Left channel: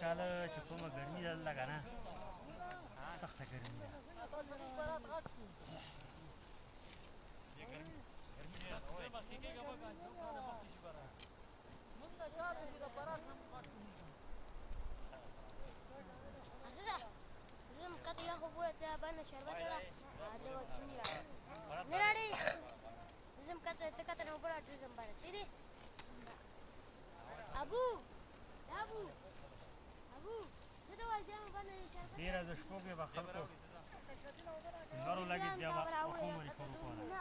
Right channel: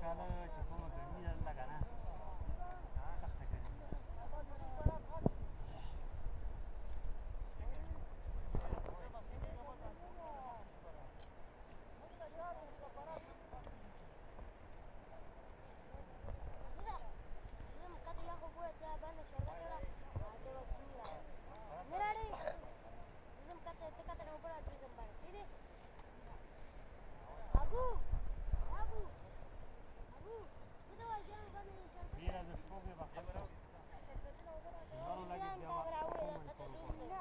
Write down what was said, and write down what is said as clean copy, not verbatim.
काल चुप्पोमा गर्मी ज्यादा लगा ना सख्त गर्मी ډېره د شپو کې به خلکو لمر ولګېد بیا به پښو باندې خور وکړله